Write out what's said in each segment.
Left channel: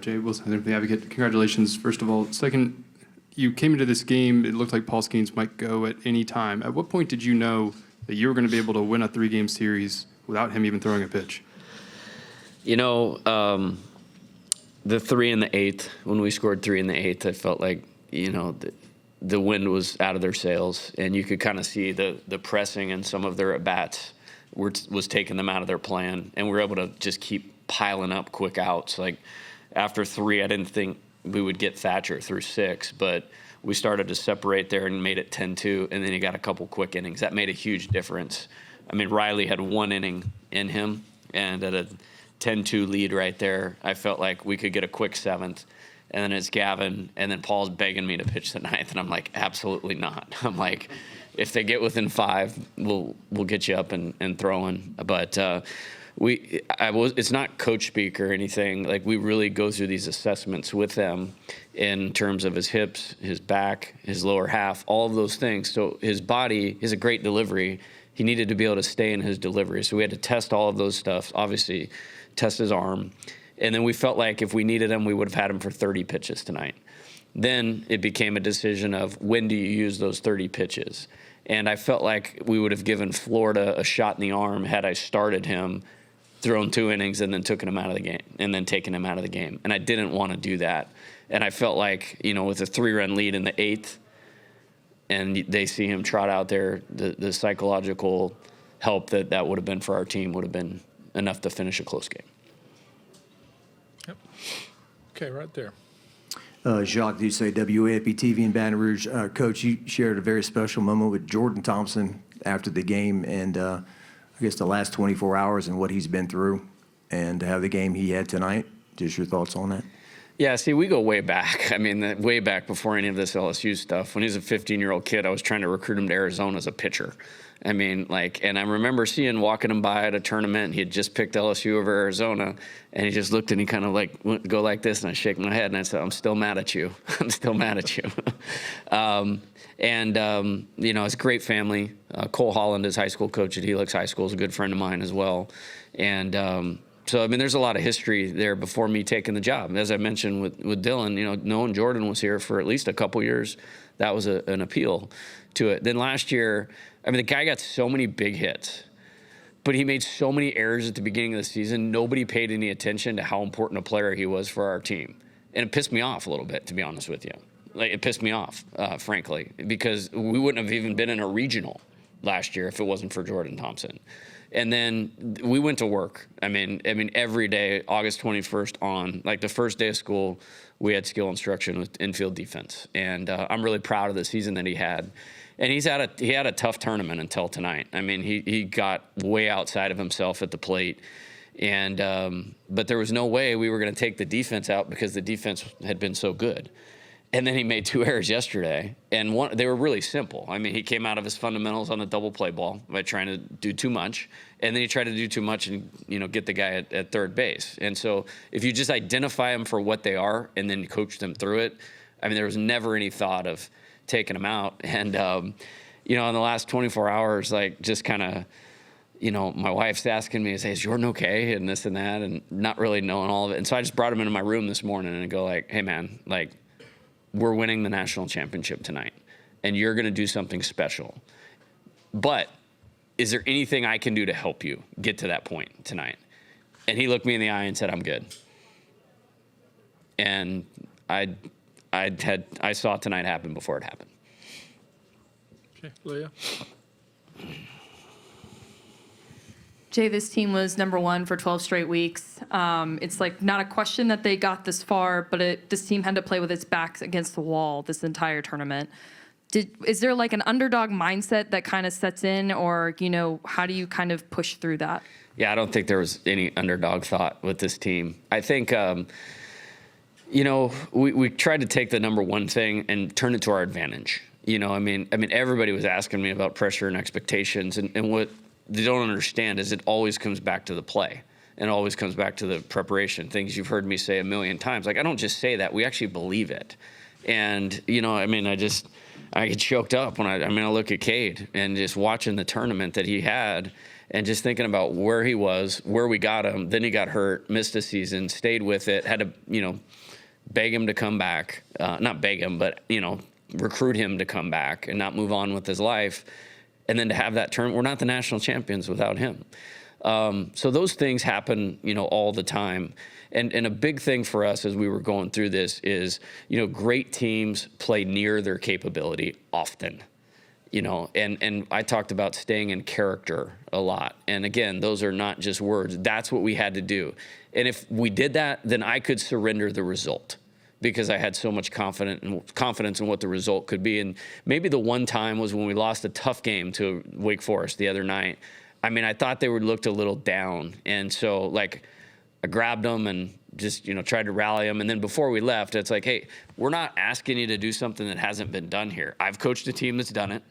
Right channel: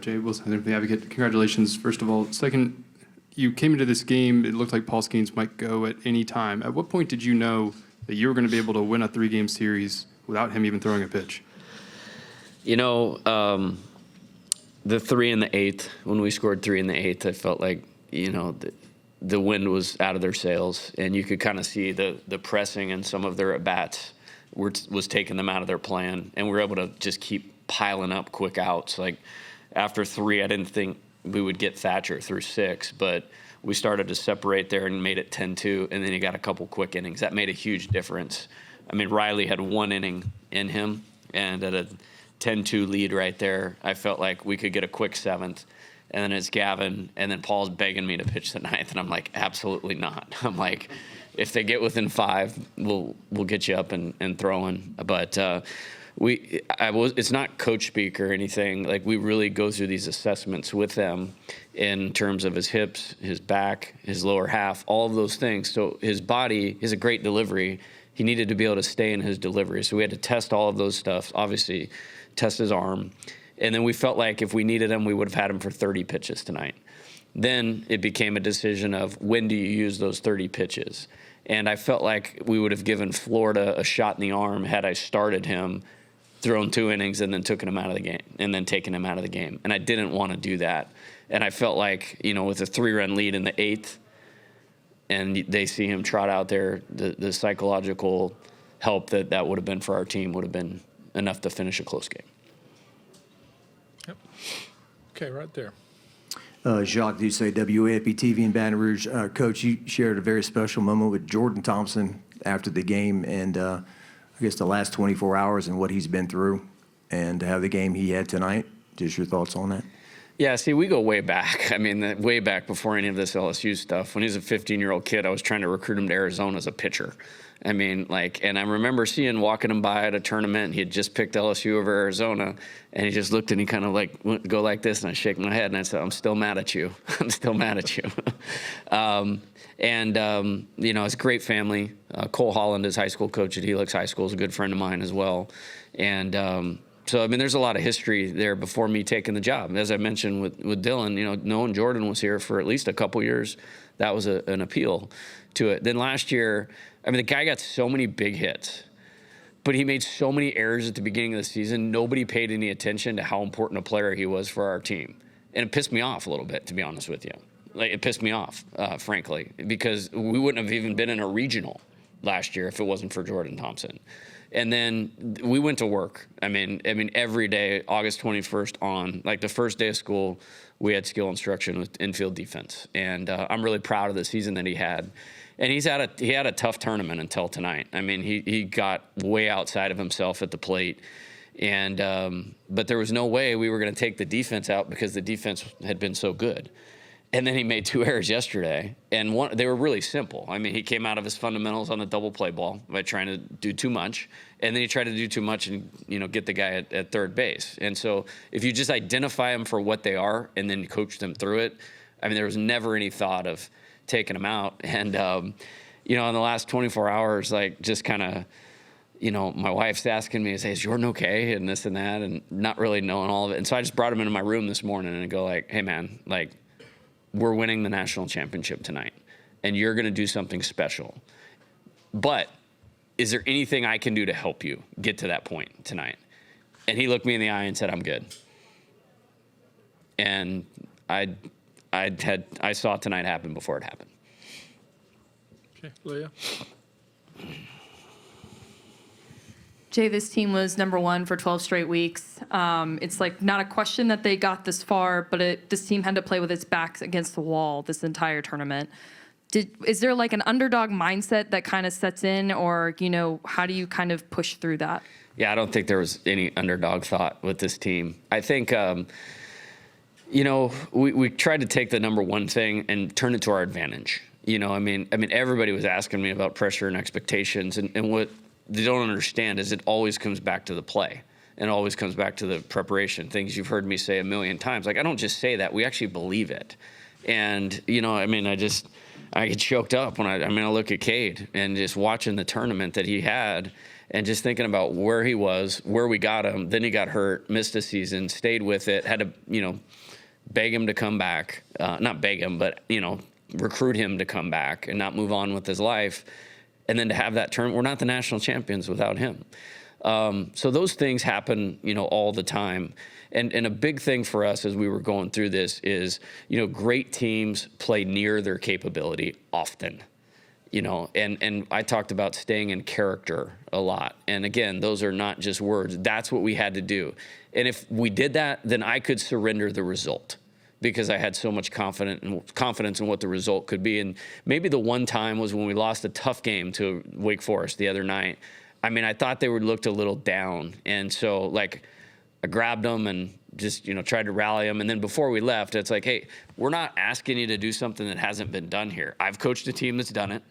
Jay Wilson from the Advocate. Congratulations, first of all. Second, you came into this game, it looked like Paul Skeens might go at any time. At what point did you know that you were going to be able to win a 3-game series without him even throwing a pitch? You know, the 3 in the 8th, when we scored 3 in the 8th, I felt like, you know, the wind was out of their sails, and you could kind of see the pressing and some of their at-bats was taking them out of their plan, and we were able to just keep piling up quick outs. Like, after 3, I didn't think we would get Thatcher through 6, but we started to separate there and made it 10-2, and then he got a couple quick innings. That made a huge difference. I mean, Riley had 1 inning in him, and at a 10-2 lead right there, I felt like we could get a quick 7th. And then it's Gavin, and then Paul's begging me to pitch the 9th, and I'm like, absolutely not. I'm like, if they get within 5, we'll get you up and throwing. But it's not coach speak or anything. Like, we really go through these assessments with them in terms of his hips, his back, his lower half, all of those things. So his body is a great delivery. He needed to be able to stay in his delivery. So we had to test all of those stuff, obviously test his arm. And then we felt like if we needed him, we would have had him for 30 pitches tonight. Then it became a decision of when do you use those 30 pitches? And I felt like we would have given Florida a shot in the arm had I started him, thrown 2 innings, and then taken him out of the game, And I didn't want to do that. And I felt like, you know, with a 3-run lead in the 8th, and they see him trot out there, the psychological help that would have been for our team would have been enough to finish a close game. Yep. Okay, right there. Jacques Doucet, WAFB-TV in Baton Rouge. Coach, you shared a very special moment with Jordan Thompson after the game, and I guess the last 24 hours and what he's been through, and to have the game he had tonight. Just your thoughts on that? Yeah, see, we go way back. I mean, way back before any of this LSU stuff. When he was a 15-year-old kid, I was trying to recruit him to Arizona as a pitcher. I mean, and I remember walking him by at a tournament. He had just picked LSU over Arizona, and he just looked and he kind of went, go like this, and I shake my head and I said, "I'm still mad at you. I'm still mad at you." You know, it's a great family. Cole Holland is high school coach at Helix High School, is a good friend of mine as well, and so I mean, there's a lot of history there before me taking the job. As I mentioned with Dylan, you know, knowing Jordan was here for at least a couple years, that was an appeal to it. Then last year, I mean, the guy got so many big hits, but he made so many errors at the beginning of the season. Nobody paid any attention to how important a player he was for our team. And it pissed me off a little bit, to be honest with you. Like, it pissed me off, frankly, because we wouldn't have even been in a regional last year if it wasn't for Jordan Thompson. And then we went to work. I mean, every day, August 21st on, like the first day of school, we had skill instruction with infield defense. And I'm really proud of the season that he had. And he had a tough tournament until tonight. I mean, he got way outside of himself at the plate, and but there was no way we were going to take the defense out because the defense had been so good. And then he made 2 errors yesterday, and they were really simple. I mean, he came out of his fundamentals on the double play ball by trying to do too much, and then he tried to do too much and, you know, get the guy at third base. And so if you just identify them for what they are and then coach them through it, I mean, there was never any thought of taking him out. And, you know, in the last 24 hours, like, just kind of, you know, my wife's asking me, "Is Jordan okay?" and this and that, and not really knowing all of it. And so I just brought him into my room this morning and go like, "Hey, man, like, we're winning the national championship tonight, and you're going to do something special. But is there anything I can do to help you get to that point tonight?" And he looked me in the eye and said, "I'm good." And I saw tonight happen before it happened. Okay, Leah. Jay, this team was number 1 for 12 straight weeks. It's like not a question that they got this far, but this team had to play with its backs against the wall this entire tournament. Is there like an underdog mindset that kind of sets in, or, you know, how do you kind of push through that? Yeah, I don't think there was any underdog thought with this team. I think, you know, we tried to take the number 1 thing and turn it to our advantage. You know, I mean, everybody was asking me about pressure and expectations, and what they don't understand is it always comes back to the play, and always comes back to the preparation. Things you've heard me say a million times. Like, I don't just say that; we actually believe it. And, you know, I mean, I get choked up when I look at Cade and just watching the tournament that he had. and just thinking about where he was, where we got him. Then he got hurt, missed a season, stayed with it, had to, beg him to come back. Not beg him, but, recruit him to come back and not move on with his life. And then to have that turn, we're not the national champions without him. So those things happen, all the time. And a big thing for us as we were going through this is, great teams play near their capability often, and I talked about staying in character a lot. And again, those are not just words. That's what we had to do. And if we did that, then I could surrender the result because I had so much confidence in what the result could be. And maybe the one time was when we lost a tough game to Wake Forest the other night. I mean, I thought they looked a little down. And so, I grabbed them and just, tried to rally them. And then before we left, it's like, hey, we're not asking you to do something that hasn't been done here. I've coached a team that's done it,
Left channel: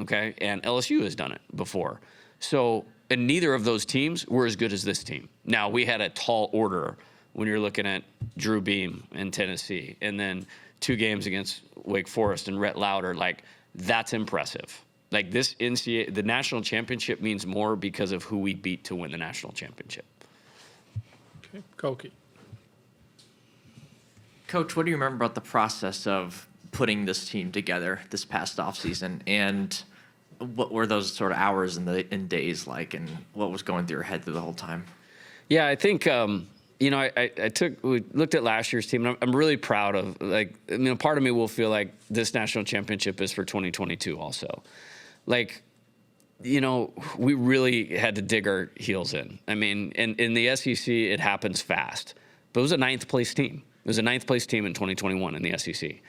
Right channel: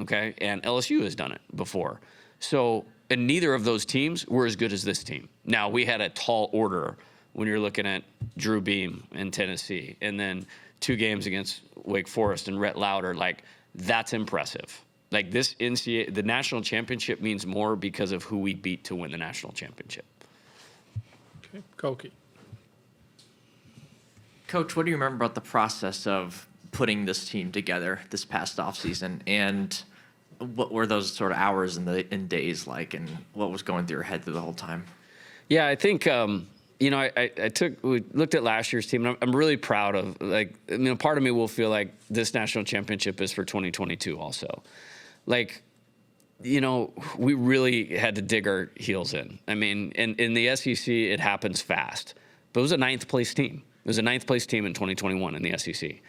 okay? And LSU has done it before. So, and neither of those teams were as good as this team. Now, we had a tall order when you're looking at Drew Beam in Tennessee, and then 2 games against Wake Forest and Rhett Lauder. That's impressive. This NCAA, the national championship means more because of who we beat to win the national championship. Okay, Koki. Coach, what do you remember about the process of putting this team together this past offseason? And what were those sort of hours and days like, and what was going through your head through the whole time? Yeah, I think, we looked at last year's team, and I'm really proud of, part of me will feel like this national championship is for 2022 also. We really had to dig our heels in. I mean, in the SEC, it happens fast. But it was a 9th place team. It was a 9th place team in 2021 in the SEC.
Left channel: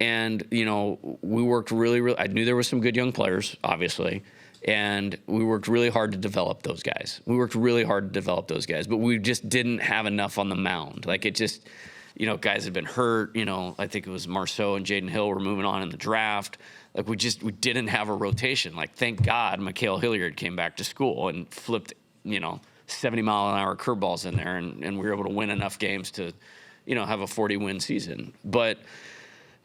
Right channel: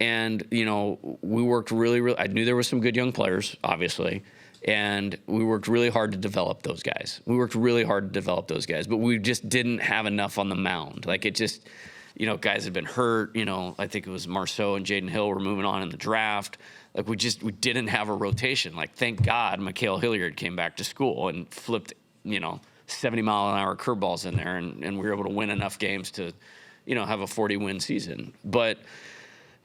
And, we worked really, I knew there were some good young players, obviously. And we worked really hard to develop those guys. But we just didn't have enough on the mound. Guys had been hurt. I think it was Marceau and Jaden Hill were moving on in the draft. We didn't have a rotation. Thank God Mikhail Hilliard came back to school and flipped, 70-mile-an-hour curveballs in there, and we were able to win enough games to, have a 40-win season. But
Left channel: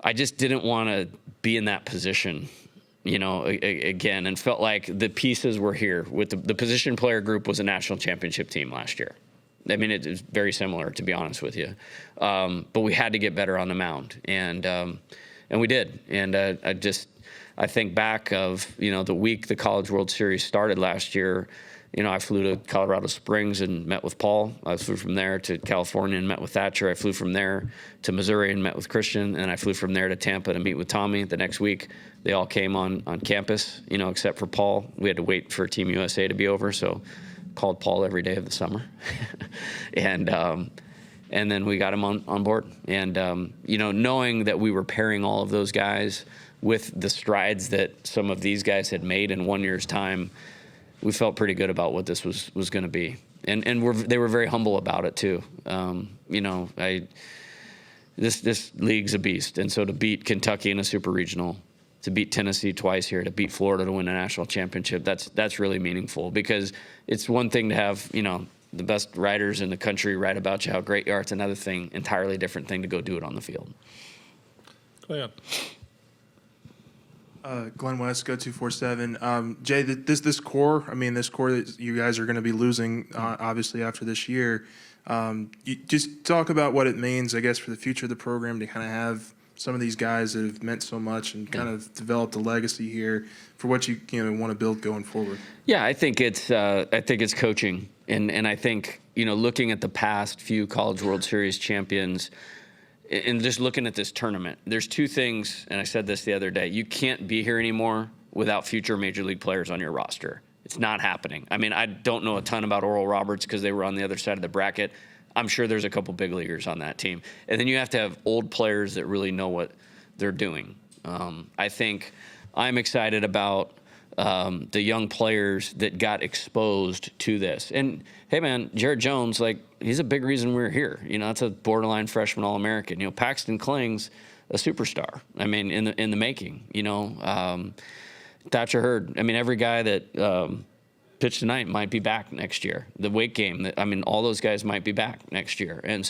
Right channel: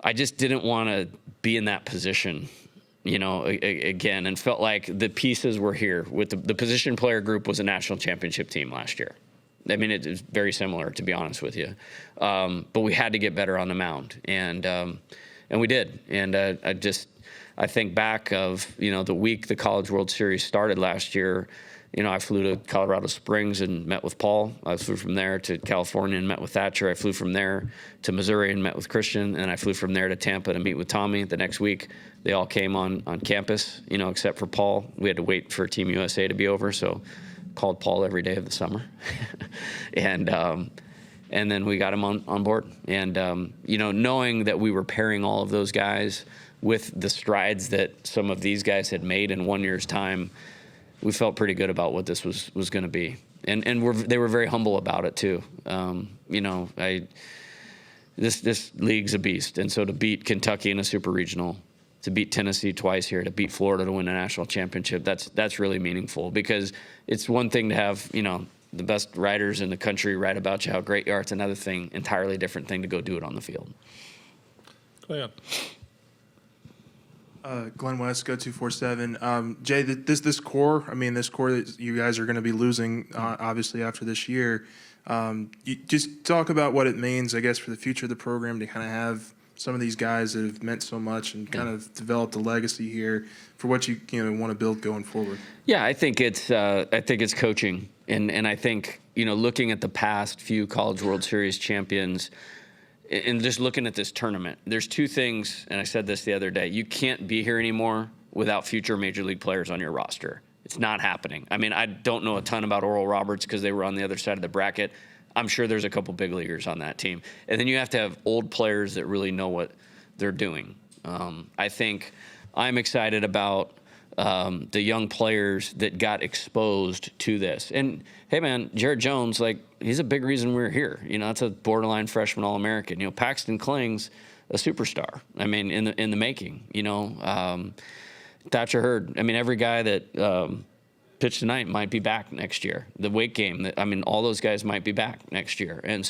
I just didn't want to be in that position, again, and felt like the pieces were here. With the position player group was a national championship team last year. I mean, it was very similar, to be honest with you. But we had to get better on the mound, and we did. And I think back of, the week the College World Series started last year, I flew to Colorado Springs and met with Paul. I flew from there to California and met with Thatcher. I flew from there to Missouri and met with Christian. And I flew from there to Tampa to meet with Tommy the next week. They all came on campus, except for Paul. We had to wait for Team USA to be over, so called Paul every day of the summer. And then we got him on board. And, knowing that we were pairing all of those guys with the strides that some of these guys had made in 1 year's time, we felt pretty good about what this was going to be. And they were very humble about it too. This league's a beast. And so to beat Kentucky in a super regional, to beat Tennessee twice here, to beat Florida to win a national championship, that's really meaningful, because it's one thing to have, the best writers in the country write about you, how great you are. It's another thing, entirely different thing to go do it on the field. Glenn. Glenn West, Go 247. Jay, this core that you guys are going to be losing, obviously, after this year. You just talk about what it means, I guess, for the future of the program to kind of have some of these guys that have meant so much and kind of developed a legacy here for what you want to build going forward. Yeah, I think it's coaching, and I think looking at the past few College World Series champions. And just looking at this tournament, there's 2 things, and I said this the other day. You can't be here anymore without future Major League players on your roster. It's not happening. I mean, I don't know a ton about Oral Roberts because they were on the other side of the bracket. I'm sure there's a couple big leaguers on that team. And then you have to have old players that really know what they're doing. I think I'm excited about the young players that got exposed to this. And hey, man, Jared Jones, he's a big reason we're here. That's a borderline freshman All-American. Paxton Kling's a superstar. I mean, in the making. Thatcher Hurd. I mean, every guy that pitched tonight might be back next year. The Wake game. All those guys might be back next year. And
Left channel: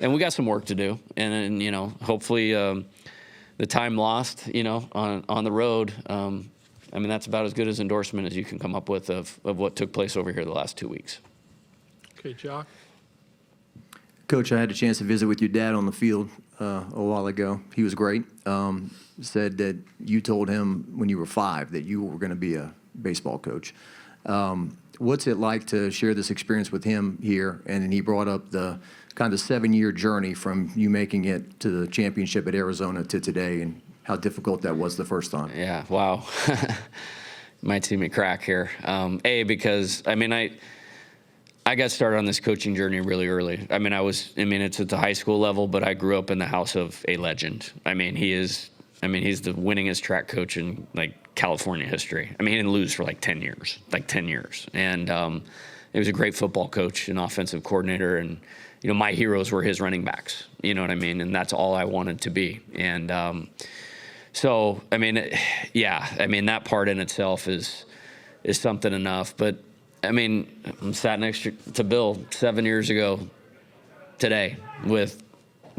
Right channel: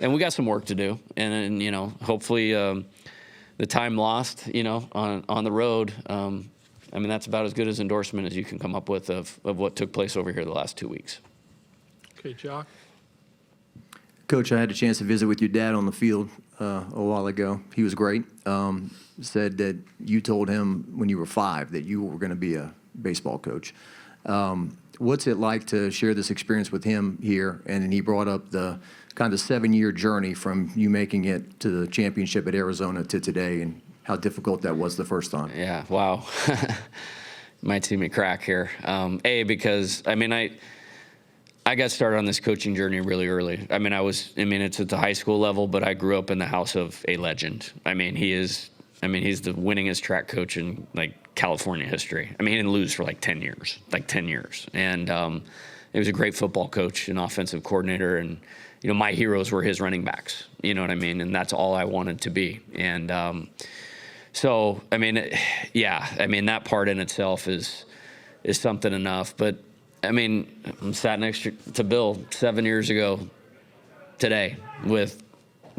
we got some work to do. And hopefully, the time lost, on the road. I mean, that's about as good as endorsement as you can come up with of what took place over here the last 2 weeks. Okay, Jock. Coach, I had a chance to visit with your dad on the field a while ago. He was great. Said that you told him when you were 5 that you were going to be a baseball coach. What's it like to share this experience with him here? And then he brought up the kind of 7-year journey from you making it to the championship at Arizona to today, and how difficult that was the first time. Yeah, wow. Might see me crack here. Because, I mean, I got started on this coaching journey really early. It's at the high school level, but I grew up in the house of a legend. He's the winningest track coach in, California history. He didn't lose for 10 years. And he was a great football coach and offensive coordinator, and, my heroes were his running backs. You know what I mean? And that's all I wanted to be. And that part in itself is something enough. But, I'm sat next to Bill 7 years ago today with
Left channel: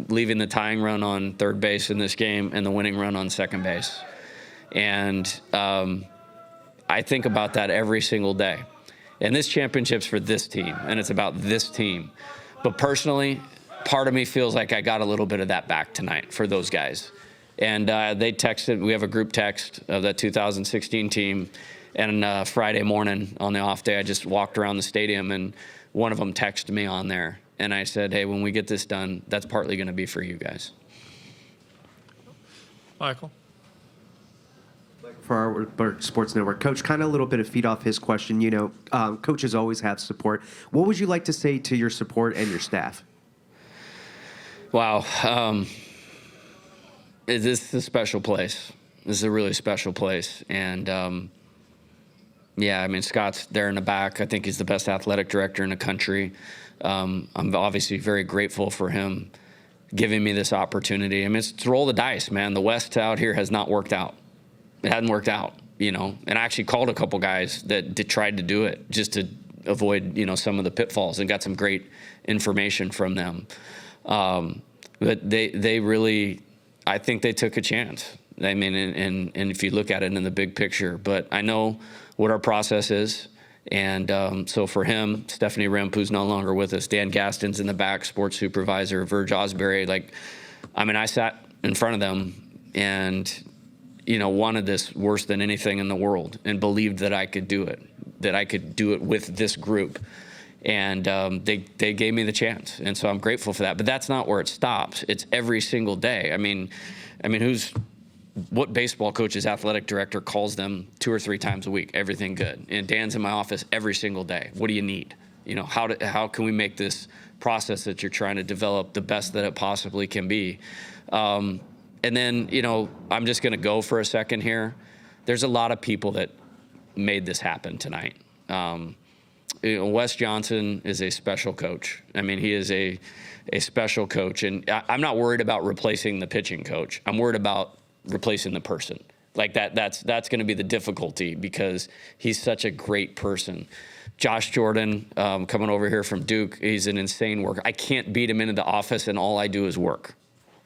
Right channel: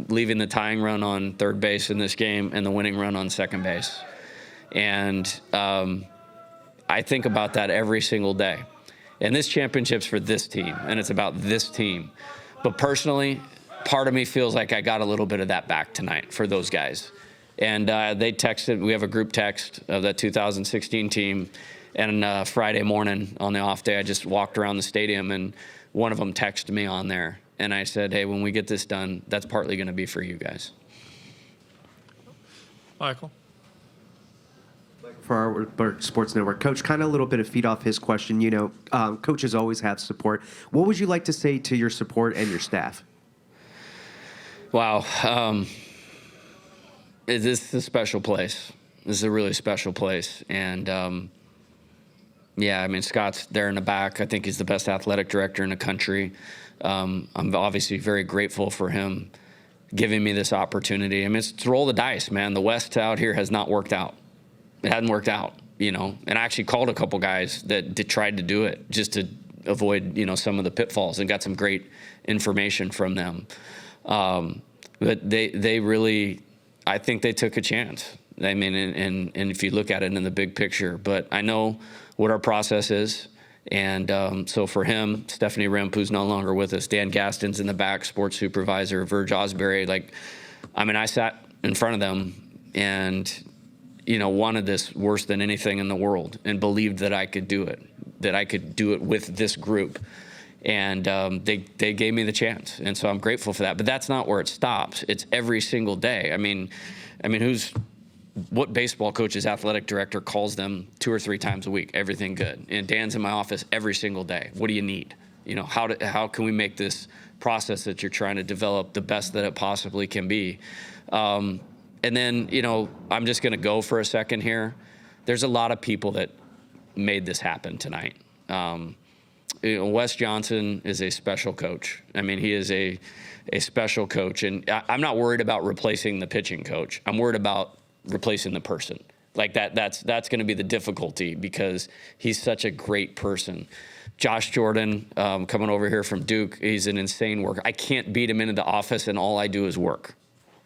leaving the tying run on third base in this game and the winning run on second base. And I think about that every single day. And this championship's for this team, and it's about this team. But personally, part of me feels like I got a little bit of that back tonight for those guys. And they texted, we have a group text of that 2016 team. And Friday morning on the off day, I just walked around the stadium, and one of them texted me on there. And I said, hey, when we get this done, that's partly going to be for you guys. Michael. For our Sports Network. Coach, kind of a little bit of feed off his question. Coaches always have support. What would you like to say to your support and your staff? Wow. This is a special place. This is a really special place. And, Scott's there in the back. I think he's the best athletic director in the country. I'm obviously very grateful for him giving me this opportunity. It's roll the dice, man. The West out here has not worked out. It hadn't worked out, And I actually called a couple guys that tried to do it just to avoid, some of the pitfalls, and got some great information from them. But they really, I think they took a chance. And if you look at it in the big picture, but I know what our process is. And so for him, Stephanie Remp, who's no longer with us, Dan Gaston's in the back, sports supervisor, Verge Osbury. I sat in front of them and, wanted this worse than anything in the world, and believed that I could do it, with this group. And they gave me the chance. And so I'm grateful for that. But that's not where it stops. It's every single day. What baseball coach's athletic director calls them 2 or 3 times a week? Everything good. And Dan's in my office every single day. What do you need? How can we make this process that you're trying to develop the best that it possibly can be? And then, I'm just going to go for a second here. There's a lot of people that made this happen tonight. Wes Johnson is a special coach. He is a special coach. And I'm not worried about replacing the pitching coach. I'm worried about replacing the person. That's going to be the difficulty, because he's such a great person. Josh Jordan, coming over here from Duke, he's an insane worker. I can't beat him into the office, and all I do is work.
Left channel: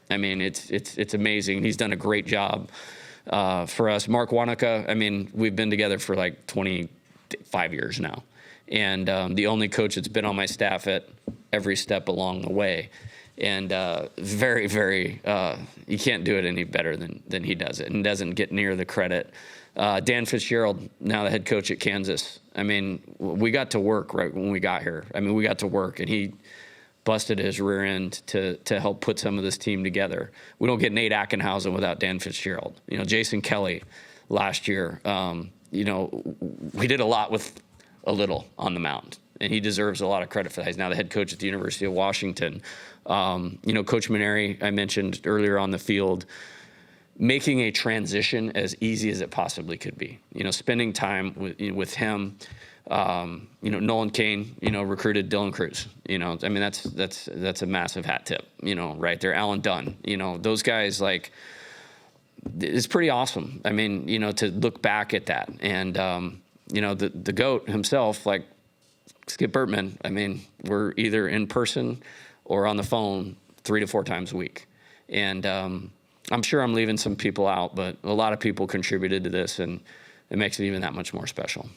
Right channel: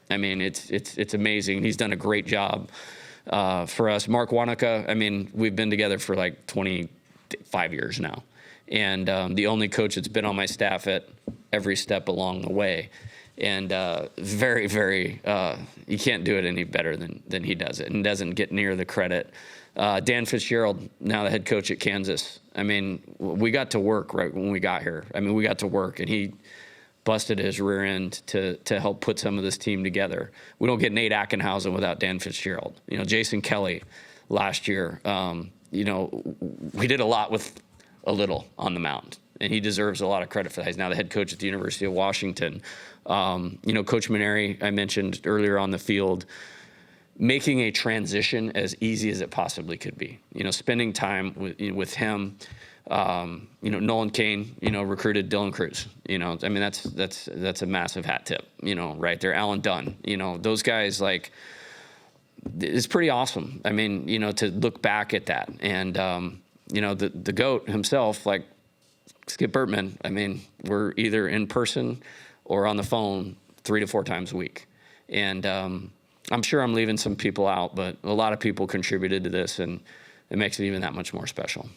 It's amazing. He's done a great job for us. Mark Wanaka, we've been together for 25 years now. And the only coach that's been on my staff at every step along the way. And very, very, you can't do it any better than he does it, and doesn't get near the credit. Dan Fitzgerald, now the head coach at Kansas. We got to work right when we got here. We got to work, and he busted his rear end to help put some of this team together. We don't get Nate Ackenhausen without Dan Fitzgerald. Jason Kelly last year. We did a lot with a little on the mound, and he deserves a lot of credit for that. He's now the head coach at the University of Washington. Coach Maneri, I mentioned earlier on the field, making a transition as easy as it possibly could be. Spending time with him. Nolan Kane, recruited Dylan Cruz. That's a massive hat tip. Right there. Alan Dunn. Those guys, it's pretty awesome. To look back at that, and the GOAT himself, Skip Bertman. We're either in person or on the phone 3 to 4 times a week. And I'm sure I'm leaving some people out, but a lot of people contributed to this. And it makes it even that much more special.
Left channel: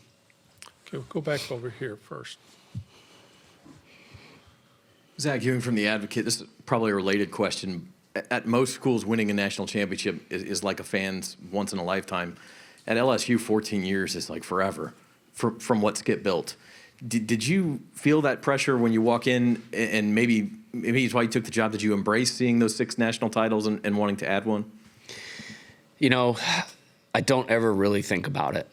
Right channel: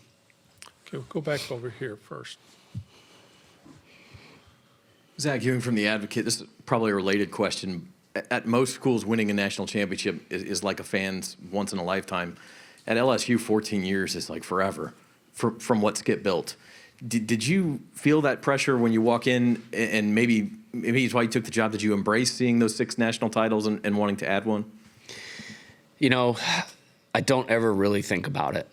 Okay, we'll go back over here first. Zach Ewing from The Advocate. This is probably a related question. At most schools, winning a national championship is like a fan's once in a lifetime. At LSU, 14 years is like forever from what Skip built. Did you feel that pressure when you walk in, and maybe it's why you took the job? Did you embrace seeing those 6 national titles and wanting to add one? You know, I don't ever really think about it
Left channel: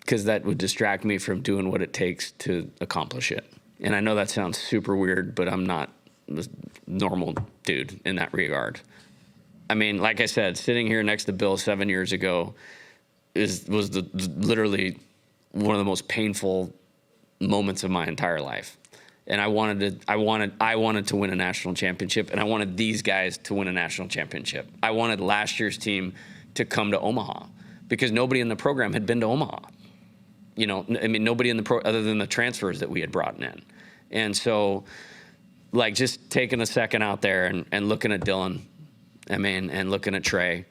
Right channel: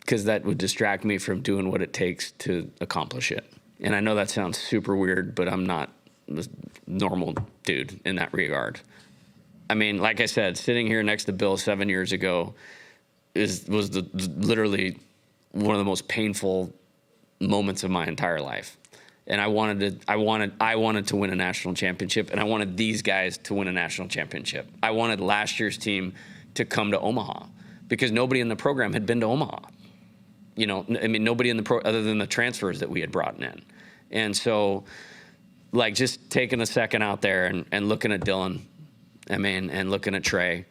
because that would distract me from doing what it takes to accomplish it. And I know that sounds super weird, but I'm not a normal dude in that regard. I mean, like I said, sitting here next to Bill 7 years ago was literally one of the most painful moments of my entire life. And I wanted to win a national championship, and I wanted these guys to win a national championship. I wanted last year's team to come to Omaha because nobody in the program had been to Omaha. You know, I mean, nobody in the other than the transfers that we had brought in. And so, like, just taking a second out there and looking at Dylan, I mean, and looking at Trey,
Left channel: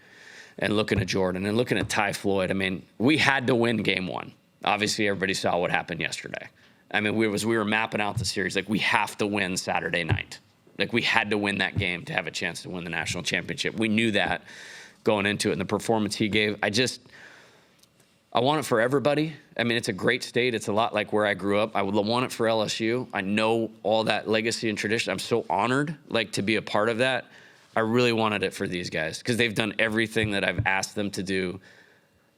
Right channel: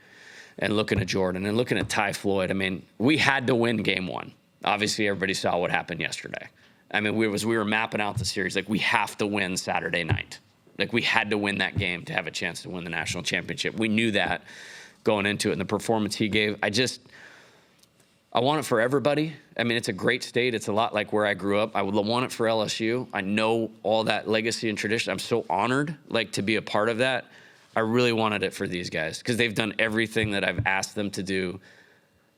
and looking at Jordan, and looking at Ty Floyd. I mean, we had to win game 1. Obviously, everybody saw what happened yesterday. I mean, we were mapping out the series. Like, we have to win Saturday night. Like, we had to win that game to have a chance to win the national championship. We knew that going into it, and the performance he gave. I want it for everybody. I mean, it's a great state. It's a lot like where I grew up. I would want it for LSU. I know all that legacy and tradition. I'm so honored, like, to be a part of that. I really wanted it for these guys because they've done everything that I've asked them to do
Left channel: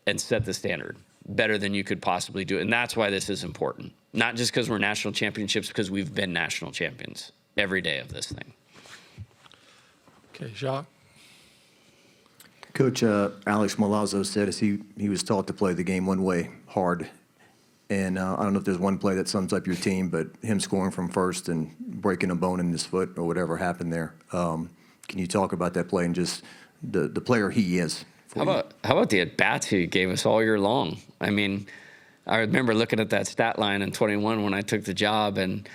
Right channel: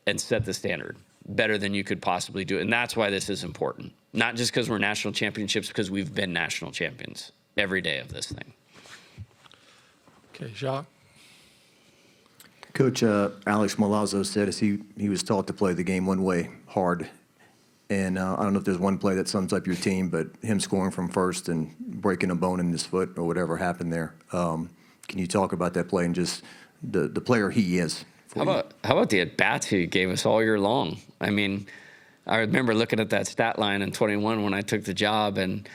and set the standard better than you could possibly do. And that's why this is important. Not just because we're national championships, because we've been national champions every day of this thing. Okay, Jacques. Coach Alex Molina said as he was taught to play the game one way, hard. And I don't know if there's one play that sums up your team, but him scoring from first and breaking a bone in his foot or whatever happened there. Can you talk about that play and just the player he is? How about the at-bats he gave us all year long? I mean, I remember looking at that stat line in 21 when I took the job, and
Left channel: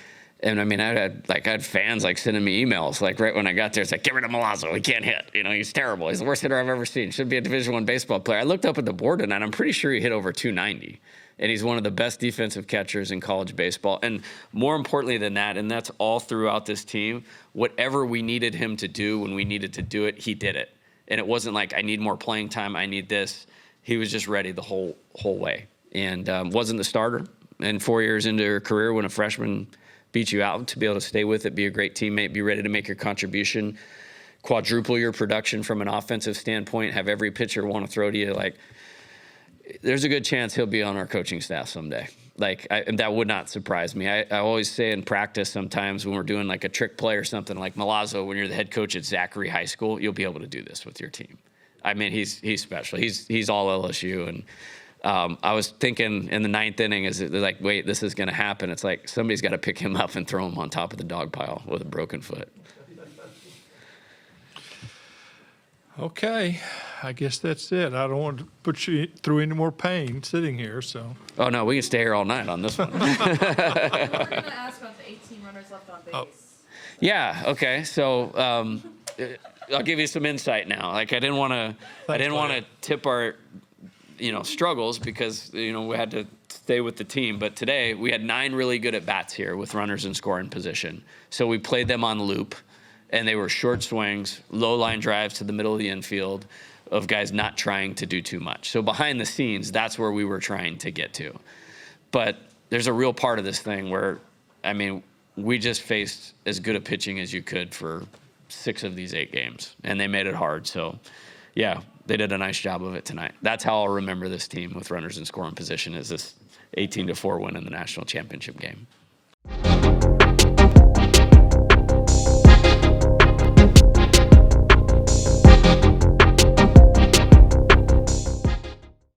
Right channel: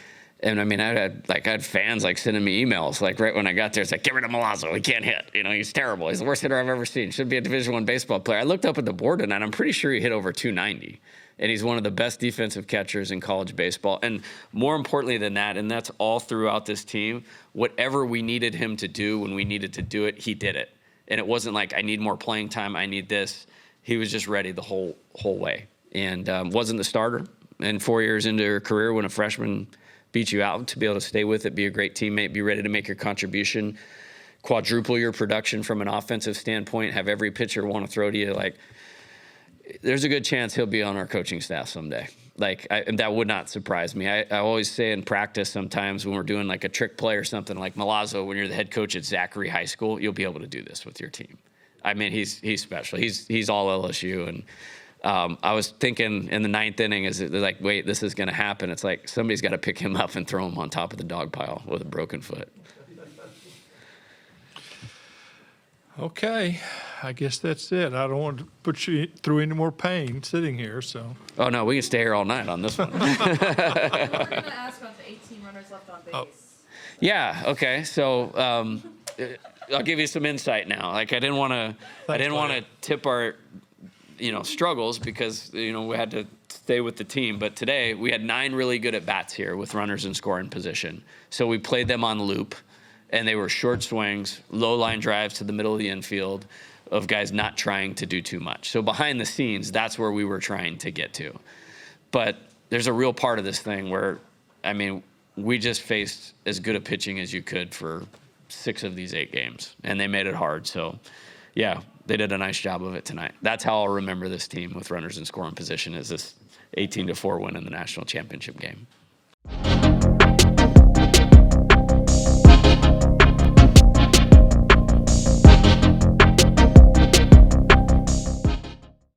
I mean, I had fans like sending me emails like right when I got there. It's like, get rid of Milazzo. He can't hit. You know, he's terrible. He's the worst hitter I've ever seen. Should be a Division I baseball player. I looked up at the board tonight. I'm pretty sure he hit over 290, and he's one of the best defensive catchers in college baseball. And more importantly than that, and that's all throughout this team, whatever we needed him to do when we needed to do it, he did it. And it wasn't like I need more playing time. I need this. He was just ready the whole way, and wasn't the starter. And 4 years into her career, when a freshman beat you out, to be able to stay with it, be a great teammate, be ready to make your contribution, quadruple your production from an offensive standpoint, have every pitcher want to throw to you. Like, there's a good chance he'll be on our coaching staff someday. Like, that would not surprise me. I always say in practice sometimes when we're doing like a trick play or something, like Milazzo, when you're the head coach at Zachary High School, you'll be able to do this with your team. I mean, he's special. He's all LSU. And I was thinking in the 9th inning, they're like, wait, this is going to happen. It's like somebody's got to pick him up and throw him on top of the dog pile with a broken foot. Okay, I guess that's it. I don't want to put you through any more pain sitting here, so. Oh, no, we can stay here all night on this one. I'm going to ask about the 18 runners left on base. Oh. Yeah, okay. So I'll give you some insight now. Like, I didn't want to tip our struggles because, we had to stay with the team. But today we had 9 really good at-bats here with runners in scoring position. So we played them on loop, and they were short swings, low line drives to the middle of the infield of guys not trying to do too much. So behind the scenes, that's where we were trying to get to. But there's a real part of this thing where, I mean, we just faced as good a pitching as you could for 6 of these 8 games, and they made it hard. So, yeah, they did a nice job of it tonight. That's how I'll remember this team with runners in scoring position, is this 18-4 win in the national championship game.